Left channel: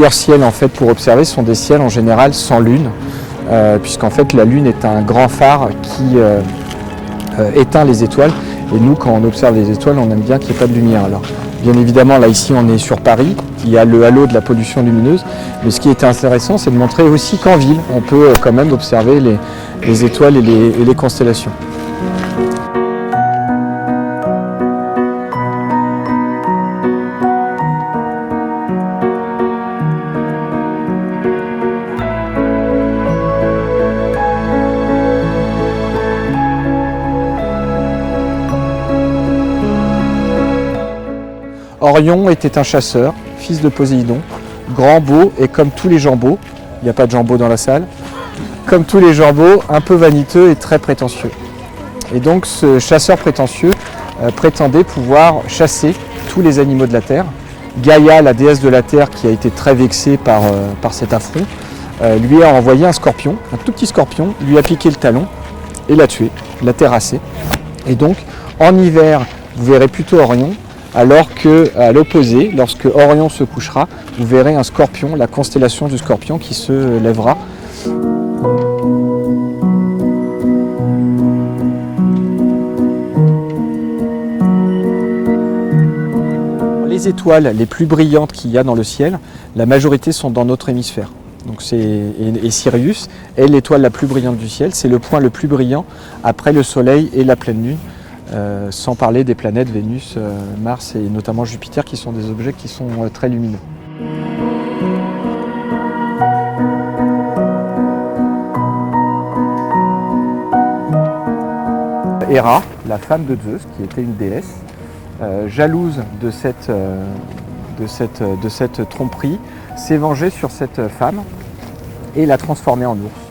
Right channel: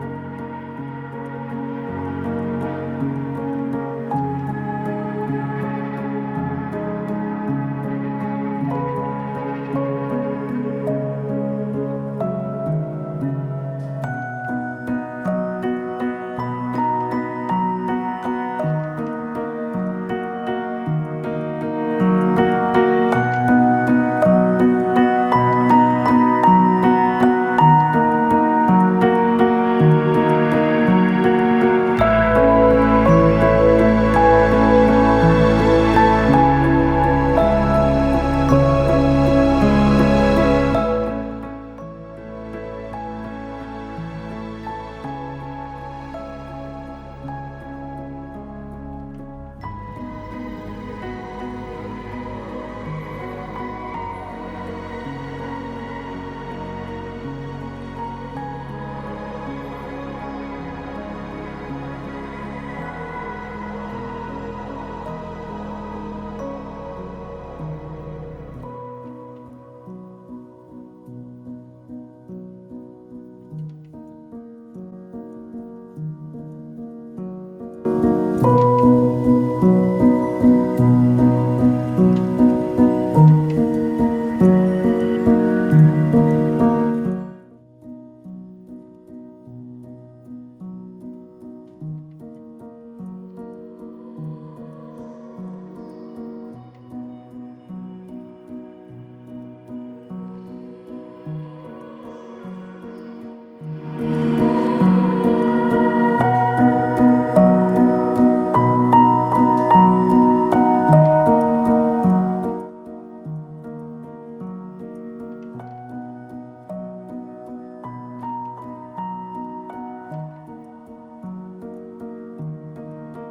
meilleurs ciels en fait, pour observer sont des ciels en général sans lune, puisqu'en fait la lune est un grand phare qui éteint les étoiles. Et nous, quand on observe les étoiles, on aime bien qu'il n'y ait pas de lumière. Alors, bien évidemment, là ici on est sur Paris, il y a le halo de la pollution lumineuse, mais ce qui était intéressant, c'est de montrer aussi qu'en ville, on peut quand même observer les étoiles et les constellations. Orion était un chasseur, fils de Poséidon, grand, beau et comme tous les Jambeaux, il n'y a pas de Jambeaux dans la salle, comme tous les Jambeaux, un peu vaniteux et très prétentieux. Et donc ce chasseur prétentieux prétendait pouvoir chasser tous les animaux de la terre. Gaïa, la déesse de la terre, qui a été très vexée par cet affront, lui a envoyé un scorpion, un tout petit scorpion, lui a piqué le talon et l'a tué, l'a terrassé. Et donc en hiver, vous verrez plutôt Orion, alors qu'à l'opposé, lorsque Orion se couchera, vous verrez un scorpion, la constellation du scorpion qui se lèvera. Les étoiles les plus brillantes qu'il y a dans le ciel, la majorité sont dans notre hémisphère. Donc et Sirius est l'étoile la plus brillante du ciel, c'est le point le plus brillant après le Soleil et la pleine Lune. Sans parler des planètes Vénus, Mars et notamment Jupiter qui sont des objets qui sont très lumineux. Héra, la femme de Zeus, qui était une déesse, jalouse de cette tromperie, s'est vengée sur cette femme et l'a transformée en ours.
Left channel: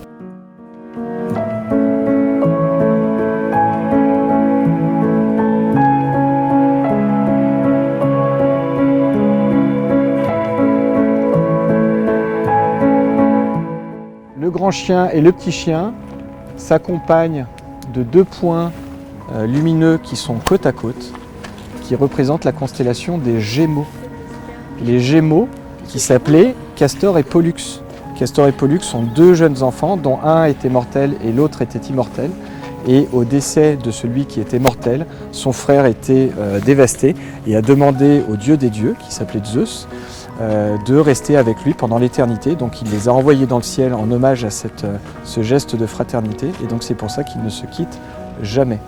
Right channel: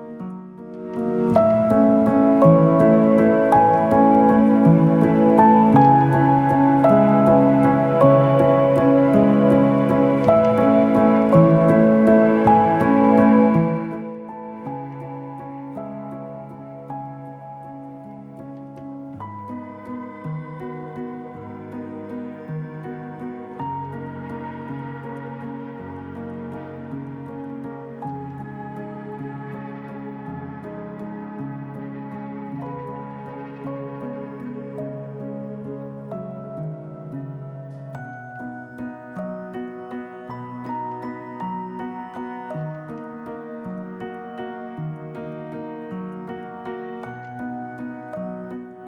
Le grand chien et le petit chien s'accompagnent de deux points lumineux qui sont côte à côte, qui représentent la constellation des Gémeaux. Les Gémeaux qui s'appelaient Castor et Pollux. Castor et Pollux sont deux jeunes enfants dont un était mortel et l'autre était immortel. Et au décès de celui qui était mortel, son frère était dévasté et a demandé au dieu des dieux, qui s'appelait Zeus, de rester avec lui pendant l'éternité. Donc il les a envoyés dans le ciel en hommage à ce geste de fraternité. Et donc c'est pour ça qu'ils ne se quittent jamais.